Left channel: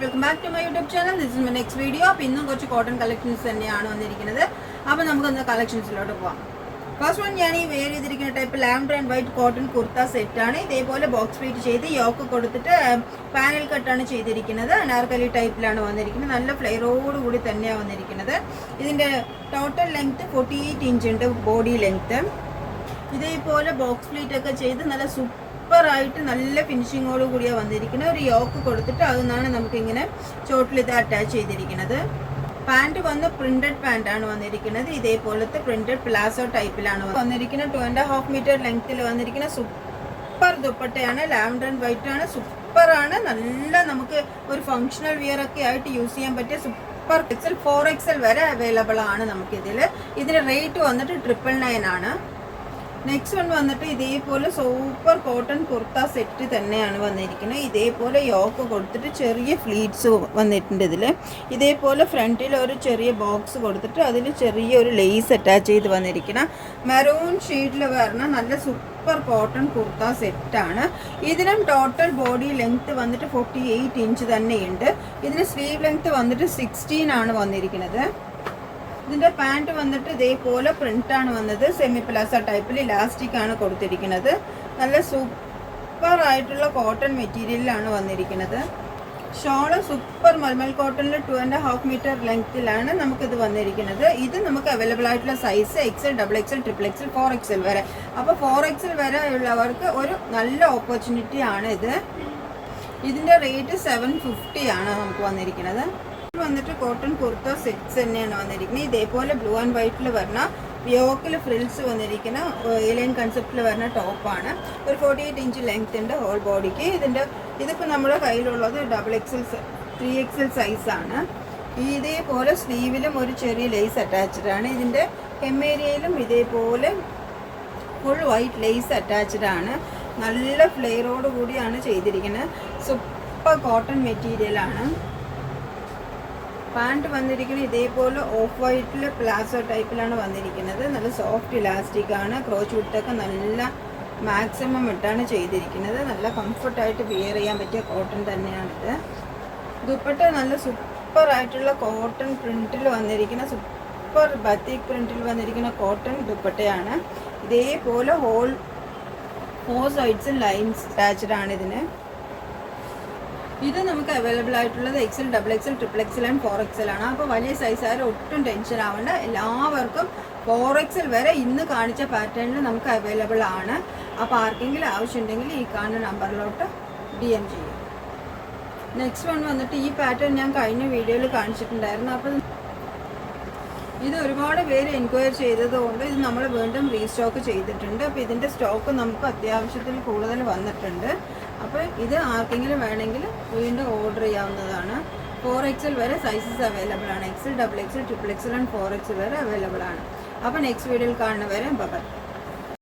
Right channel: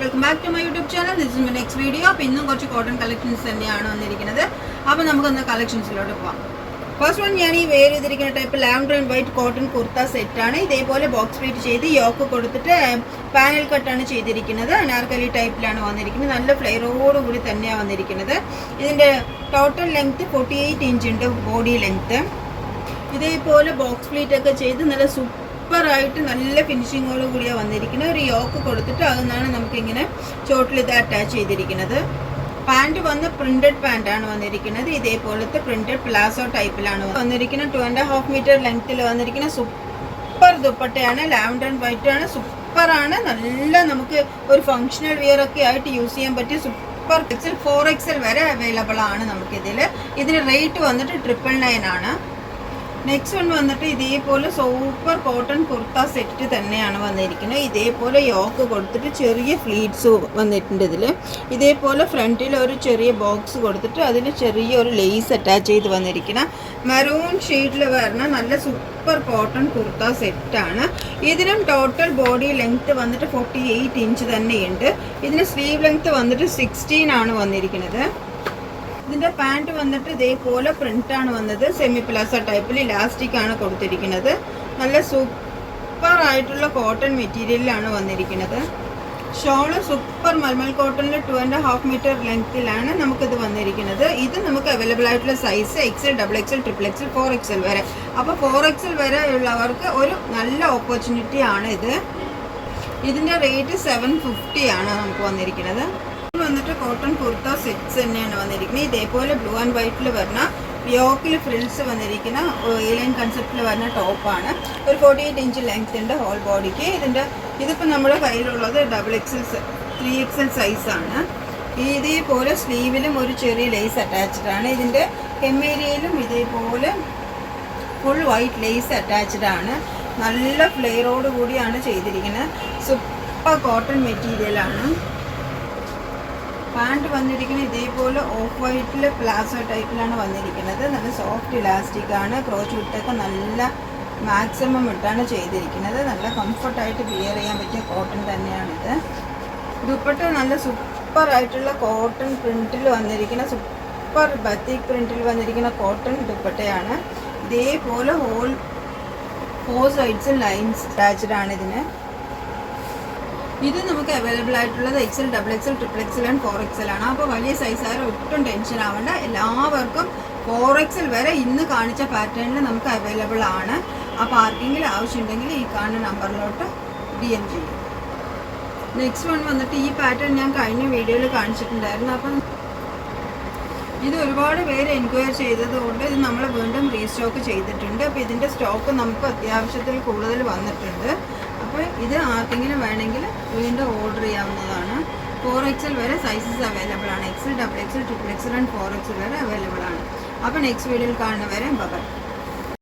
and welcome back to my YouTube channel. This is my next video. അപ്പോൾ ഇന്നും കുറച്ച് cotton collections തന്നെയാണ് വന്നിരിക്കുന്നത്. അപ്പോൾ നമുക്കൊന്ന് കളക്ഷൻസിലോട്ട് പോകാം. ഫസ്റ്റ് വൺ ഞാൻ ഈ വെയർ ചെയ്തിരിക്കുന്ന type lavender and white cotton kurta സെറ്റാണ്. ഇതേപോലെ ബോക്സ് പ്ലേറ്റ് ചെയ്ത് യോക്ക് കൊടുത്തിട്ട് പാനൽ കട്ടാണ് ചെയ്തിരിക്കുന്നത്. അനാർക്കലി ടൈപ്പിലാണ് വന്നിരിക്കുന്നത്. നല്ല ഫ്ലെയറോട് കൂടി തന്നെയാണ് വന്നിരിക്കുന്നത്. ഇതിൻ്റെ ടോട്ടൽ ലെങ്ത്ത് 48 ഇഞ്ച് ഉണ്ട് ബോഡി ലെങ്ത്ത്. ഇതേപോലെ ബോക്സ് പ്ലേറ്റ് ഒക്കെ ചെയ്ത് നല്ല സൂപ്പറായിട്ട് നല്ല ഫിനിഷിങ്ങോട് കൂടിയാണ് വന്നിരിക്കുന്നത്. ഒരു യോക്ക് കൊടുത്തിട്ട് അതിനാണ് നമുക്കിങ്ങനെ ചോട്ടിൽ ഇത് അറ്റാച്ച് ചെയ്തിരിക്കുന്നത്. പാൻറ് വന്ന് പ്രിന്റഡ് പാൻറ്റാണ് വന്നിരിക്കുന്നത്. ഇതേപോലത്തെ പ്രിന്റഡ് പ്ലാസോ ടൈപ്പിലാണ് വന്നിരിക്കുന്നത്. 2.5 മീറ്റർ ലെങ്ത്തിൽ വന്നിരിക്കുന്ന സൂപ്പർ ദുപ്പട്ടയാണ്. ലാവൻഡർ ആൻഡ് വൈറ്റ് ആണ്. സൂപ്പറാണ്. നല്ല നമുക്ക് ഒരു ഫങ്ഷണൽ വിയർ ഒക്കെ ആയിട്ട് യൂസ് ചെയ്യാൻ പറ്റിയ സൂപ്പർ XL 4XL വരെ അവൈലബിൾ ആണ് നമുക്കിതിൽ. ഇതിന് റേറ്റ് വന്നിട്ട് 999 ആണ്. നെക്സ്റ്റ് വൺ വന്നിട്ട് ഇതേപോലെ സൂപ്പർ കോട്ടൺ കുർത്ത സെറ്റ് തന്നെയാണ് വന്നിരിക്കുന്നത്. ഇതേപോലെ യോക്ക് കൊടുത്തിട്ട് ചെറിയ ഫ്ലീറ്റ്സ് വന്നിട്ടുണ്ട് ഇതിൽ. ഇതേപോലെ ഫ്രണ്ടിൽ ഒരു ചെറിയ ബോക്സ് കൊടുത്തിട്ട് അതിൽ ചെറിയൊരു ലേസ് അറ്റാച്ച് ചെയ്ത് വന്നിരിക്കുന്ന മെറൂൺ ഷെയ്ഡിൽ വരുന്ന നല്ല സൂപ്പർ കോട്ടൺ കുർത്ത സെറ്റാണ്. ഇതിനും ടോട്ടൽ ബോഡി ലെങ്ത്ത് വന്നിട്ട് 48 ഇഞ്ച് തന്നെയുണ്ട്. ഇതിന് സ്ലീവ് ലെങ്ത്ത് വന്നിട്ട് 16 ആണ് വന്നിരിക്കുന്നത്. ഇതിൻ്റെ പാൻറ്റ് വന്നിട്ട് ഇതേപോലെ പ്രിൻ്റാണ് വന്നത്. സെമി പ്ലാസ ടൈപ്പിൽ ഇലാസ്റ്റിക് ആണ് കൊടുത്തിരിക്കുന്നത്. നല്ല സൂപ്പർ ആയിട്ടുള്ള കോട്ടൺ മെറ്റീരിയലിലാണ് വന്നിരിക്കുന്നത്. ഷോള് സൂപ്പർ മൽമൽ കോട്ടണിൽ 2.5 മീറ്റർ ലെങ്ത്തിലാണ് നമുക്കിത് വന്നിരിക്കുന്നത്. ഇത് നമുക്ക് അവൈലബിൾ ആയിട്ടുള്ള size XL, XXL, XXL, 4XL വരെ. അപ്പോൾ 4XL വരെ ഉള്ളവർക്ക് ഒരു നല്ല ഓപ്പർച്യൂണിറ്റി ആണ് ഇത്. ഇതിൻ്റെ റേറ്റ് 750 ആണ് നമുക്ക് വന്നിരിക്കുന്നത്. വന്നിട്ട് കോട്ടൺ കുർത്ത സെറ്റ്സ് തന്നെയാണ് വന്നിരിക്കുന്നത്. ഇതേപോലെ ബ്ലൂ ആൻഡ് വൈറ്റിൽ വരുന്ന യോക്കിൽ ഫ്രിൽസ് വന്നിരിക്കുന്ന ഏലിയൻ കൺസെപ്റ്റിൽ വരുന്ന ടോപ്പാണ്. ഒരു 48 ഇഞ്ച് ലെങ്ത് ഉണ്ട് ഹോൾ ബോഡിക്ക്. ഇതിപ്പോൾ നമ്മുടെ കയ്യിലുള്ളത് XXL 3XL സൈസാണ്. ഇതേപോലെ സ്ലീവിലും ഒരു ചെറിയ ലേസ് അറ്റാച്ച്ഡ് ആണ്. ഇതിൻ്റെ ഹെമ്മേരിയയിലും ഇതേപോലെ ഫുൾ വൈറ്റ് ലേസ് അറ്റാച്ച്ഡ് ആണ്. നല്ല ഫ്ലെയറോട് കൂടിയാണ് ചെയ്തിരിക്കുന്നത്. സൂപ്പർ കോട്ടൺ മെറ്റീരിയലാണ്. പാൻറ്റ് വന്നിരിക്കുന്നത് ഇതേപോലെ ഓഫ് വൈറ്റിൽ പ്ലാസോ ടൈപ്പിലാണ് വന്നിരിക്കുന്നത്. നല്ല സോഫ്റ്റ് ഇലാസ്റ്റിക് ആണ്. ക്രോച്ച് വിട്ടൊക്കെ നല്ല മാക്സിമം ഇട്ടാണ് ചെയ്തിരിക്കുന്നത്. നല്ല കംഫർട്ടായിട്ട് വിയർ ചെയ്യാൻ പറ്റിയ കോട്ടൺ തന്നെയാണിത്. ദുപ്പട്ട നല്ല സൂപ്പറായിട്ടുള്ള കോട്ടൺ പ്രിൻറ്റിൽ വന്നിരിക്കുന്ന സൂപ്പർ ബത്തിക് പ്രിൻറ്റിൽ വന്നിരിക്കുന്ന കോട്ടൺ ദുപ്പട്ടയാണ്. ഇതേപോലെ 4 സൈഡ്സും ലൈൻസ് അറ്റാച്ച്ഡ് ആണ് ഇതിന്. ഇത് നമുക്ക് അവൈലബിൾ ആയിട്ടുള്ളത് XL, XXL, XXL and 4XL ആണ്. അപ്പോൾ വലിയ സൈസുകാർ ഒട്ടും ടെൻഷൻ ആവേണ്ട. എല്ലാവർക്കും 4XL വരെ ഇന്ന് കാണിച്ച പാറ്റേണിൽ നമുക്ക് അവൈലബിൾ ആണ്. അപ്പോൾ ആർക്കെങ്കിലും ആവശ്യമുണ്ടെങ്കിൽ ഈ കാണുന്ന നമ്പറിലോട്ട് DM ചെയ്യും. നെക്സ്റ്റ് വൺ വന്നിട്ട് ഈ പാറ്റേൺ ഞാൻ കഴിഞ്ഞ വീഡിയോയിൽ കാണിച്ചിട്ടുണ്ടായിരുന്നു. അപ്പം ഇത് ഒരുപാട് പേര് എൻക്വയറി ചെയ്തതുകൊണ്ട് ഇത് നമ്മൾ വീണ്ടും റീസ്റ്റോക്ക് ചെയ്തിട്ടുണ്ട്. അപ്പോൾ ഇതിൻ്റെ സ്റ്റോക്ക് നമുക്ക് അത്യാവശ്യത്തിൽ കൂടുതൽ വന്നിട്ടുണ്ട്. അപ്പോൾ ഇത് ആർക്കെങ്കിലും വേണമെങ്കിൽ വീണ്ടും ഓർഡർ ചെയ്യാവുന്നതാണ്. 4XL വരെ സൈസസ് അവൈലബിൾ ആണ്. XL, XXL, XXL and 4XL വരെ അവൈലബിൾ ആണ്. അപ്പോൾ നെക്സ്റ്റ് വീഡിയോയിൽ കാണുന്നവരെ ബൈ.